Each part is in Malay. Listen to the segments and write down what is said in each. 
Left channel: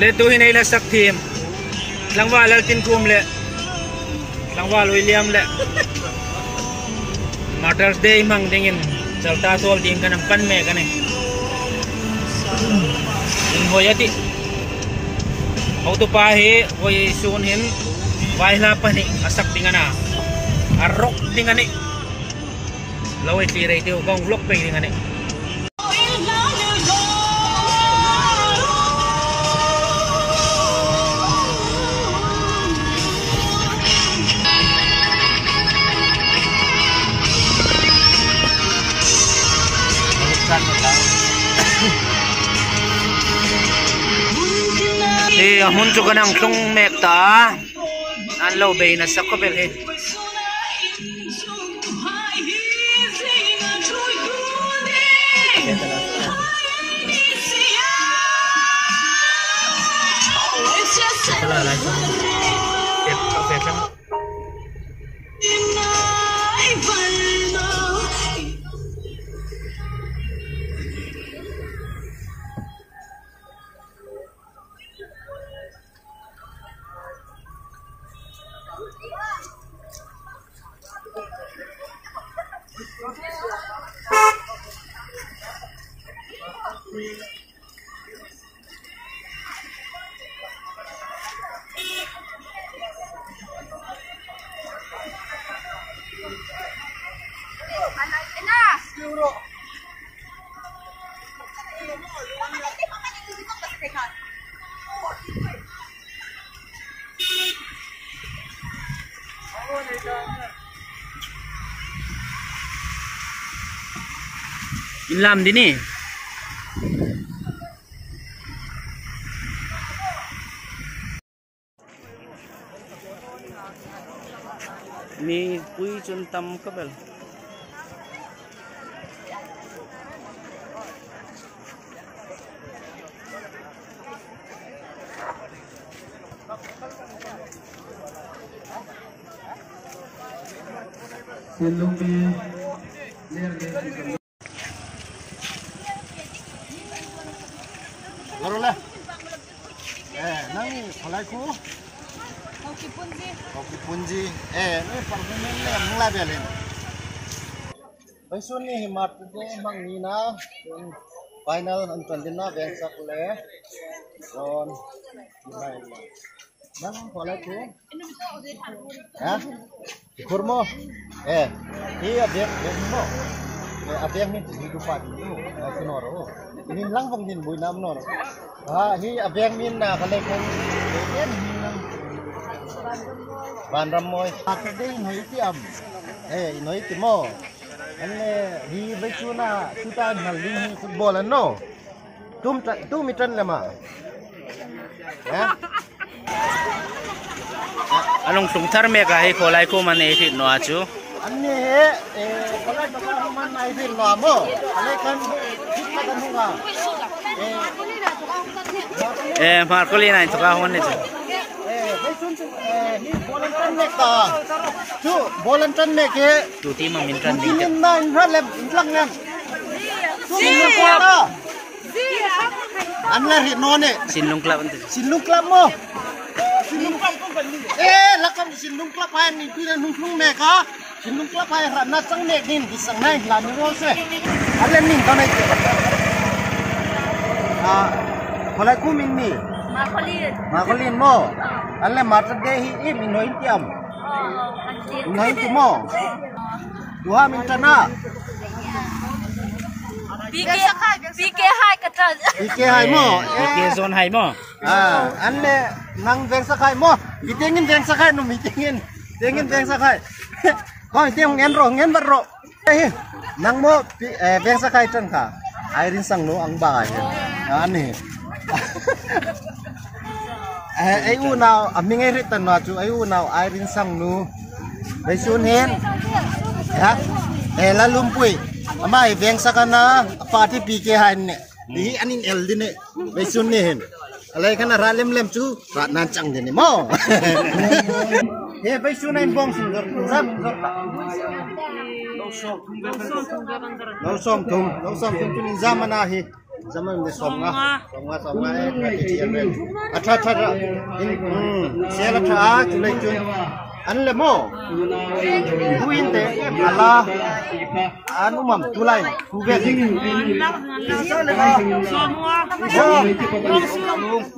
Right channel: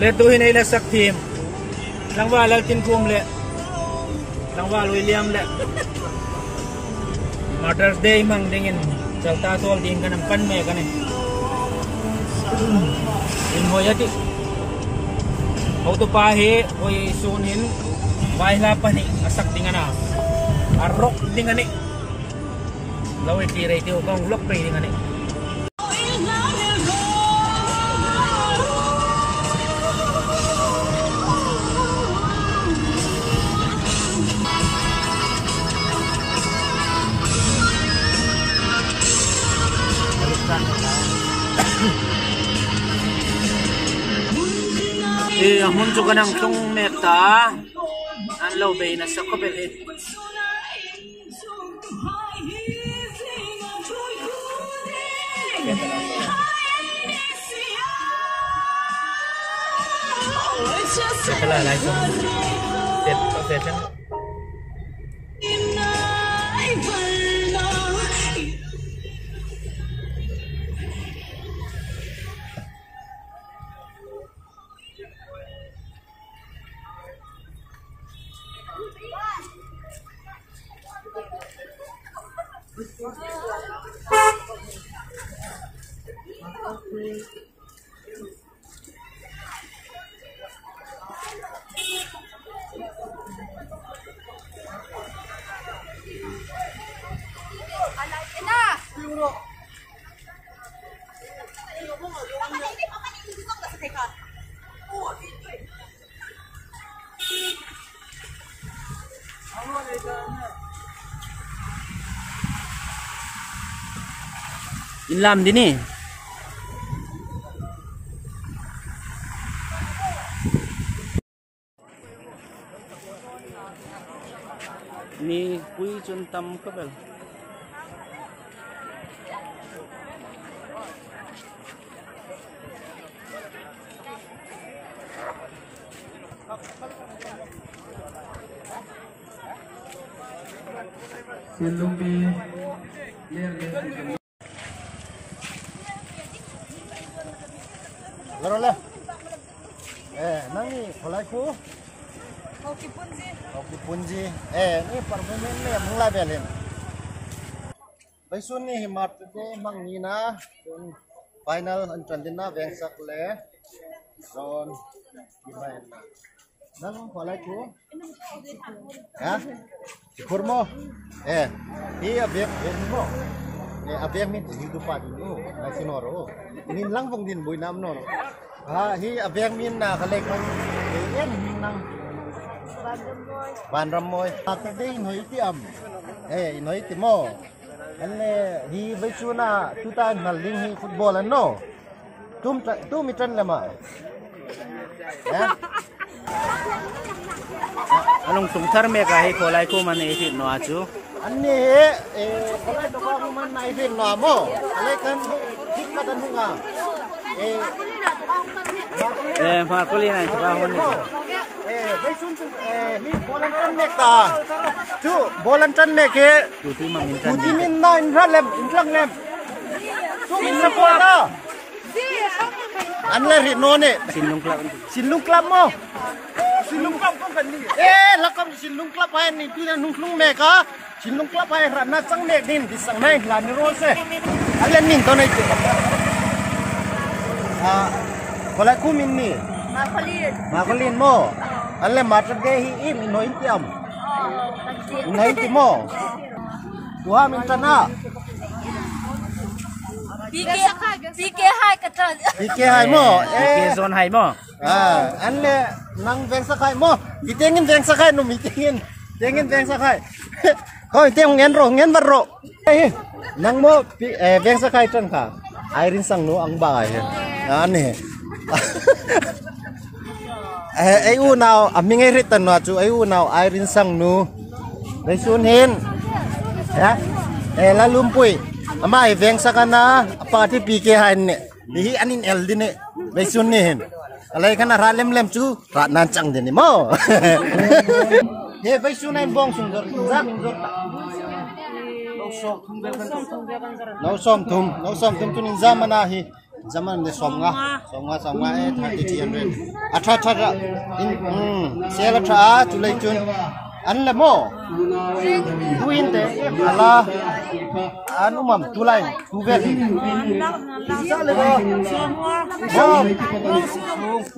le tu hinay la sak team langwal altin kum le langwal William le Mother's Day mang dingin salta sol din kanang pan me kane in hoyati auto pahi hoy sunin baila pa ni asak dingana arok dingani laway tiray tiyo kong lok pa dingani Ahun juga nang tong meta an lo bay na sa kopel he Ilam din eh. Ni pui chun tam kapel. Laro lah. Nangi kolai ku. Hoki punji. Ni permainan le mulai belen. Baisun ni himat de mangina final antandina bengsak le. Don dimain. Nang kolai ku. Ya. Kurmo. Iya beng mo. Abang min hidupan dulu, sinoro. Ini lang bang din boy nam nor. Hi abang min na kalay kong yan nang Banramoy. Saturday no itiam. No itimo. Ane hi besuna tuta naling hi football ano. Tum mitan lama. Anong tungtar me kahit kolay ko man itit no achu? Ani kalau kita rumah naik film mo, kalau kan kita kan hunga. Markoli na ito kahon nito. Besun ni bolantan mek ta. Tu bolantan mek ke. Tuti mamintan. Tuti minna inralem inralem. Tu minna kuala. Anle rinone. Sinlung club ito. Sinlung club mo. Sinlung club kong kan ni. Lakam sinlung club ay ni pila nung mek ha. Sinlung club ay rap na sang mek din disang nai lami rose. Alen nin tanay ke. Kolay kumin ni. Makolin mo. Alen matade hi im inoin tiam. Inoin timo. Duha mintana. PK hai kata. PK hai mo. PK zone hai mo. Ane nang bengsa kai mo. Itengin bengsa kai no mitengin. Tengin bengsa kai. Kau iteng ngen barro. Nang mo bengsa kai tan ka. Airin sang no ang bagay. Ane. Ayu now aming iritan no acu ayu now airin sang no. Besun hen. Ya. Lalumpui. Ama bengsa kana apa ti PK hai ne. Dihi anin el dine. Besun ni hen. Alay kana ralem cu ra nancang dini mo. Ye besun nain bong sunggur. Zam sunggur pa. Lausong tum tunin zaman ahi zaman de somga e 30 atha in sela tha chulai chun an le mo duin de ala anumam tulai tuge sa le ba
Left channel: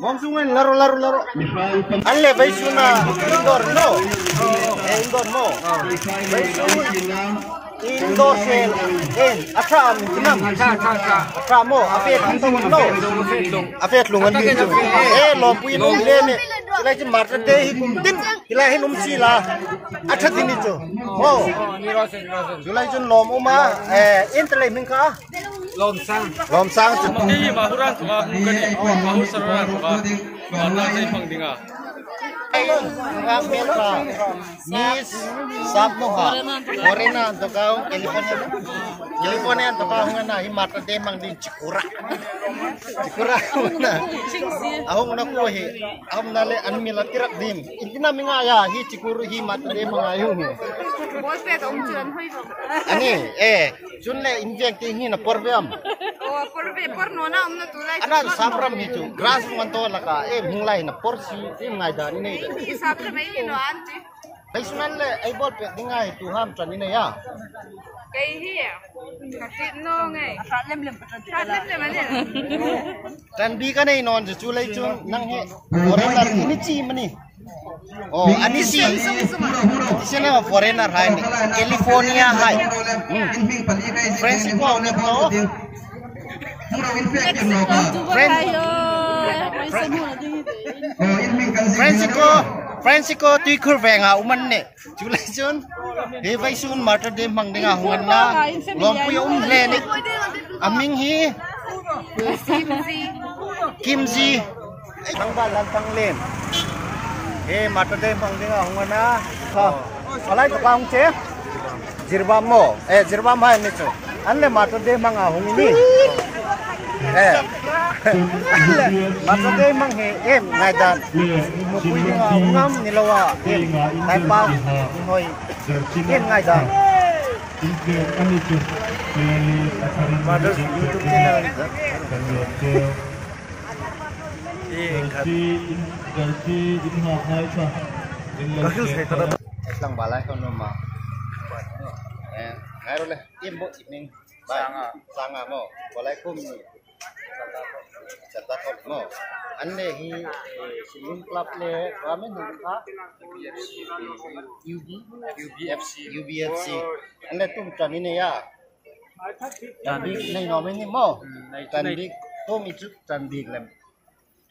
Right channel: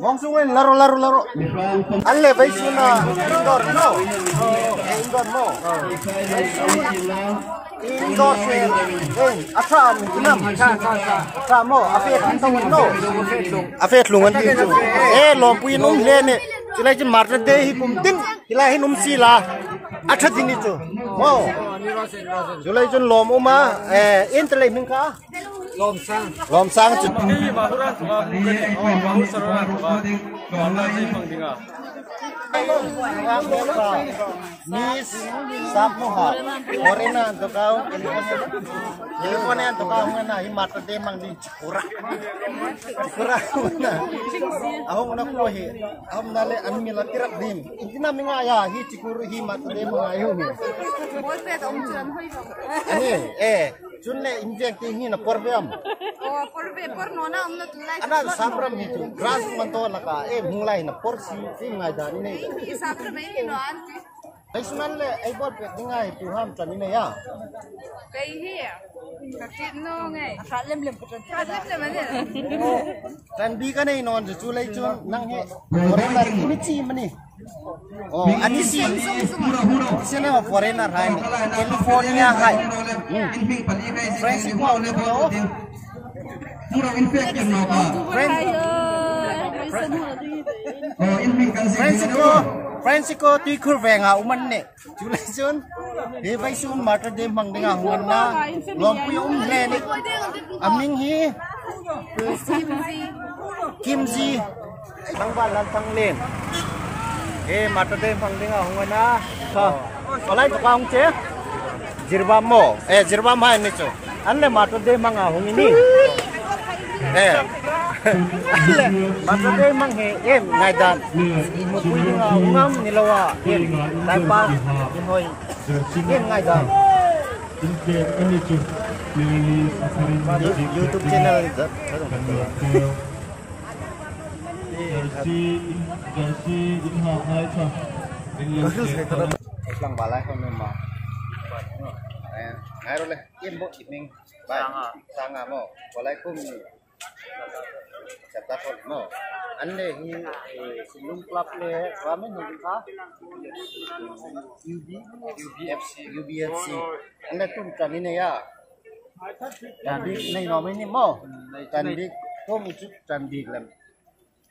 mong sungai laro an le bai suna indoor no indoor mo bai indoor se atram kinam atram mo afet tawon no afet lungan lo puin le ne silai jin marta de hi kum tin silai hi num sila atha dini chu mo silai jin lom uma intelai min ka lom sang chu ki mahuran thuka hungani mahur sarana thuka warna jai phangdinga Miss Samoha, Morena, Tokau, California, Tokau, na himata de mang din Cikura na. Ako na ko hi, ako nale anmila tirak dim. Intina minga ya hi Cikuru himata de mang ayun. Ani junle injeng ti hi na porveam. Porno na tulay. Ana sabram hi tu. Grass manto laka munglai na porsi tim ngai da ni. Sabra mai no anti. Ay sunan le ay bol pe ngai tu ham tran ni ya. Kai hi. Katit no ngai. Lem pa tran. Tran bi ka nei non chu lai chu nang hi. Foreigner ni chi mani. Oh, ani si. Sina foreigner hai ni. California hai. Francisco ni to. Francisco tuy khur venga uman ne chulai chun he vai sun marta de mangdinga hungan na lom pu le ne aming hi kimji thangba lan thang lem he marta de mangdinga hungan na alai to kaung che jirba mo jirba mai ni chu anle marta de manga hung ni masa de mang he ngai dan mo pui nga ngam ni lawa tai pa ni hoi ngai dan pada YouTube channel lang balai kono ma ngai ro le im bo ipning sanga mo balai kum ni Jatah thol mo, ane hi silung club le, kami nunggu ka? UBFC, ane tum tani ne ya, tani nei nomor ni mo, tani tum itu tani lem.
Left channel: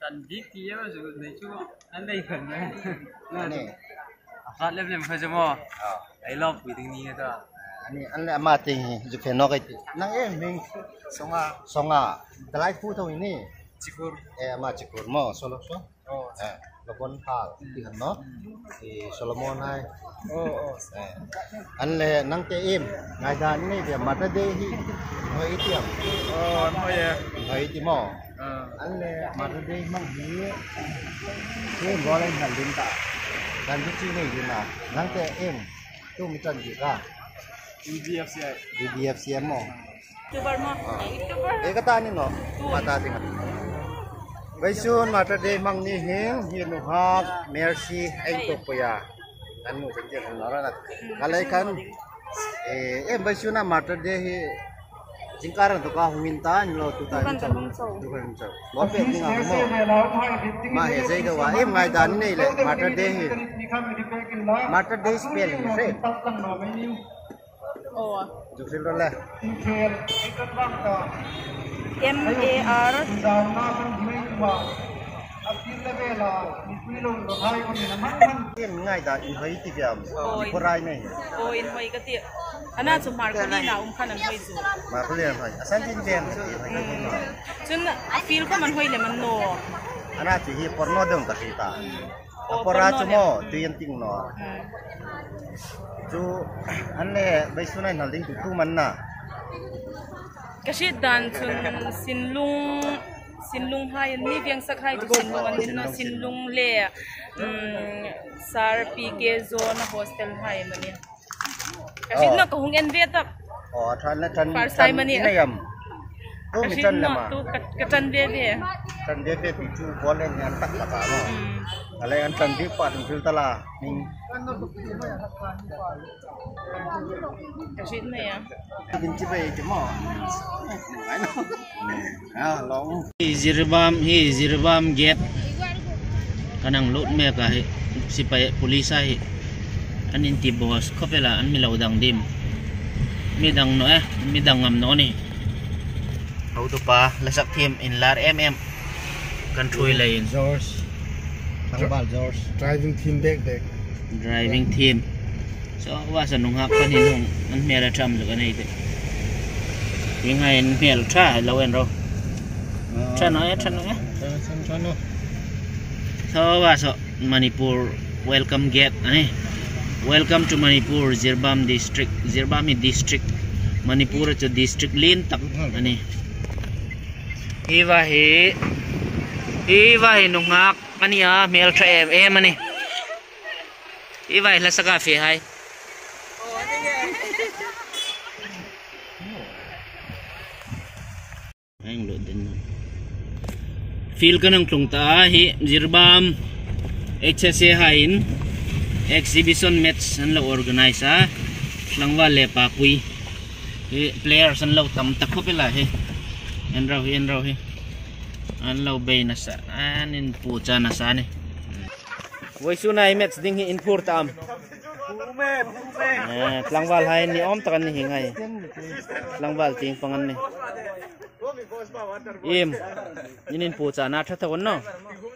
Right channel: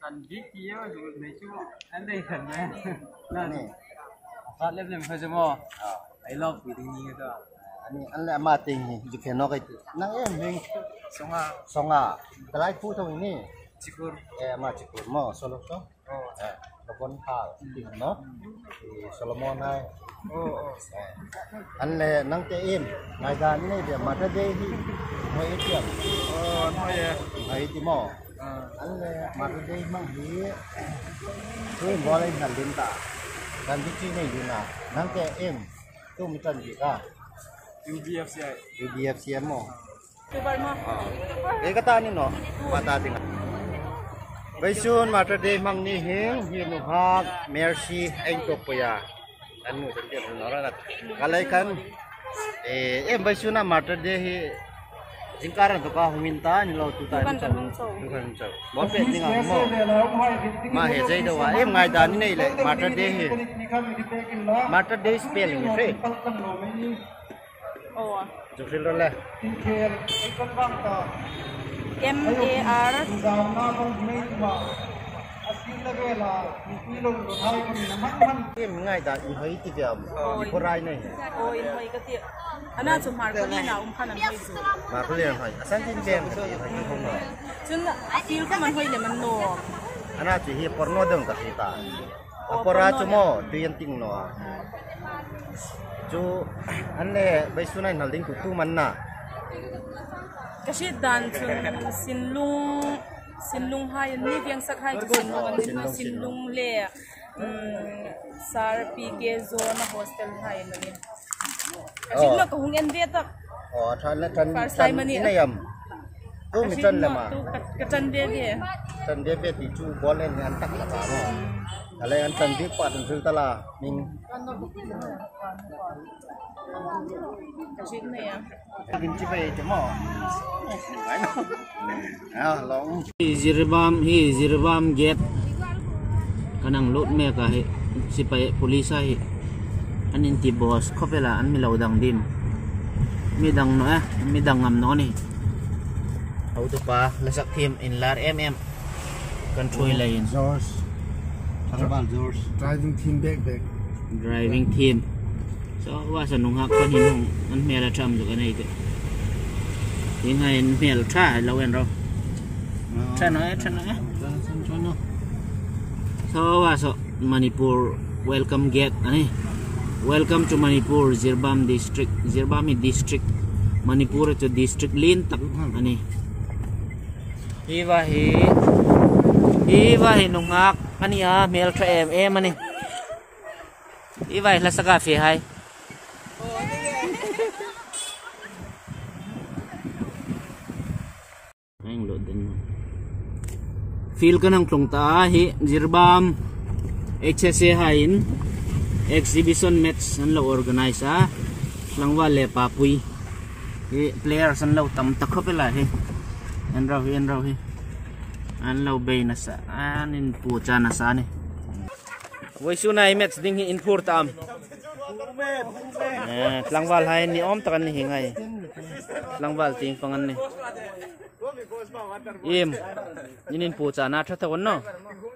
Tandi kia masuk nei chu ane kan ne, Ane, akat lem kerja mo, I love wedding ni tu. ane amati juke no kai, nang ming songa, dalai pu tu ini. Cikur, Ma cikur mo solo so, lobon pal di no, di Solomon hai, anle nang te im, ngai dan ni dia mata de hi, noi itiam, noi iti mo, anle mata de mang hi, tu boleh ngalin ta, dan tu ni guna, nang te im, tu mitan juga, UBFC mo, YouTuber mo. kata ni no, mata di. Bây giờ mà tôi đi mang đi hướng hiện học merci anh tục bây anh nuôi cái gì nó là cái này kan em bây giờ mà tôi đi chính cả là tụi cao huynh ta như là tụi ta Bukan kan bung sâu. bỏ về đi ngang mà hiện giờ đâu em ngày đàn này là mà tôi đi spell như thế Oh. chụp phim rồi lẹ MAR em ngày đàn in hơi thì kìa có rai này Oh, in hoy kati. Ana sumar ko ni na khanan hoy zu. mà có liền phải sáng chín đen Chun feel ko man hoy le man no. ana chỉ hi porno dong ka sinta porra chumo tiyan ting no chu anne bai sunai nan ding tu man na Kasi dan chun sinlung hai ni biang sak hai sinlung an din no sinlung le sar PK zone hostel hai mani. Kasi no ko hung en vet up. oh than na than First time ani. nayam Kung Kasi isan no lama. tu katan dia. Tan dia be picu bolen ngan tak laka no. Kalau yang tan dia pa ding tala ning Kasi na ya. bin ci be ke mo. Ai no. Ah long. Zirbam gate kanang load me ka hi si pa pulisa hi anin ti boss kopela an milaw dang dim midang no midang ngam no ni auto pa lasak team in lar control lane George. Tangbal George. Driving team. so wa sa nung hak panin hong an mera tram lo kanai te tingai en mel tra lawen ro tra no so wa so Manipur welcome gate ani welcome to Manipur Zirbam district Manipur to district lin tak ani iwa hi nung hak ani mel tra ani iwa la saka fi hai ang lo din no feel ka ng tlungta hi Zirbam HSA hain exhibition match an lo organize langwa le papui players an lo tam takopela he an raw hi an lo bay na sa anin pucha na sa ni wai sunai match ding hi in pur tam langwal hai ni om takan ni hingai langwal ting pangan ni im inin pucha na tha thawon no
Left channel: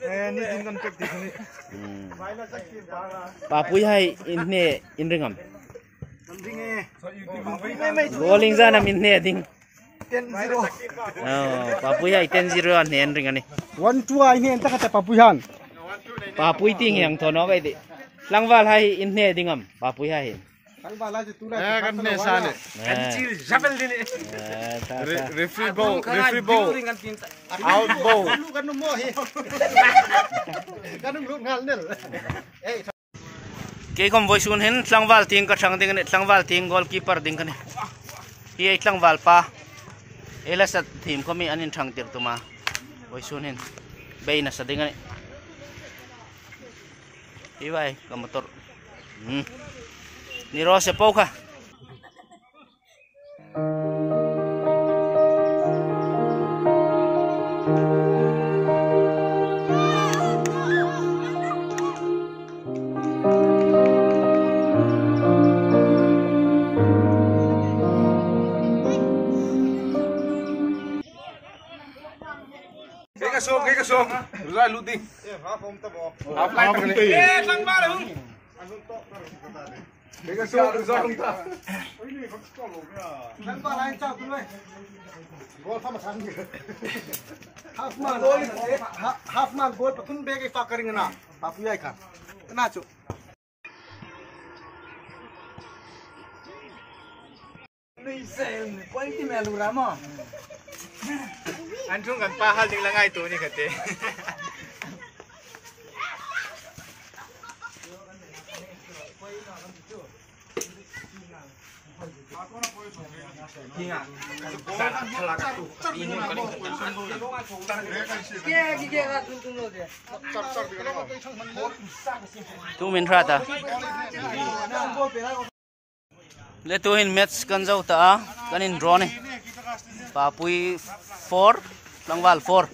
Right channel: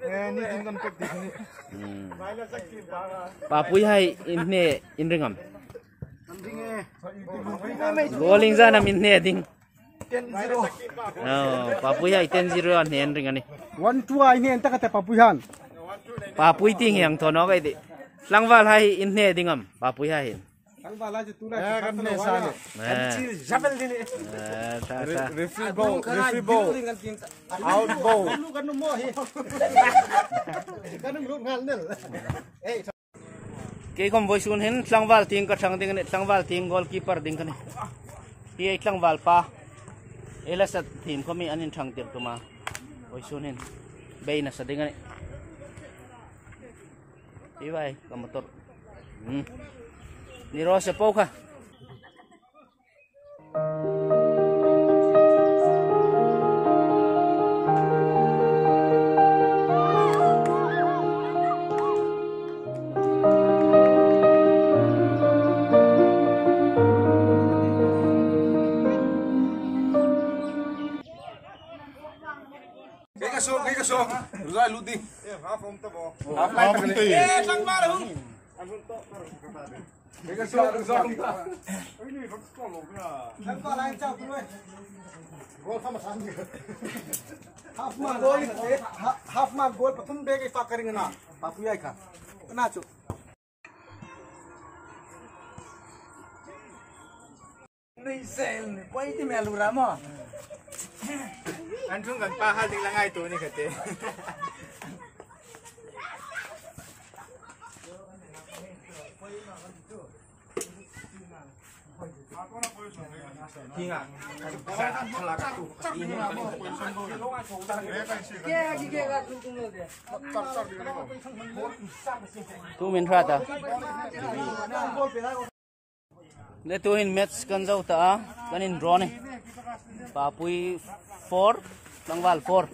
Ni din kan pek di sini. papui hai in ringam bowling jana min ne ding 10-0. papui hai 10-0 an hen ring ani 1-2 ai hen ta ka ta papuyan. papui ting yang thono kai di langwal hai in ne dingam papui hai Tangbal ai tu kan ne sane Jabel dini. referee ball out ball Lu kan mo hi. Kan lu ngal nel. Eh ke kom voi sun hen tlangwal ting ka thang ding ne tlangwal ting goalkeeper ding kane hi ai tlangwal pa ela sa team ko mi anin thang tir tuma voi sun hen bei na sa ding ne hi vai ka motor ni ro se pau kha cái số rồi lút đi half line thằng ba rồi cái số rồi lút ta Tangbal ai chao tu ơi. Gol sama sang. Half man gol patun be ke fa kering na. Papuyai kan. Kena cu. Ni sel ni poi ti melu ramo. anh xuống gần pa hai tiếng là ngay tuổi như thế tu min rata le tu in match kan zau ta kan in draw ni papui 4 langwal 4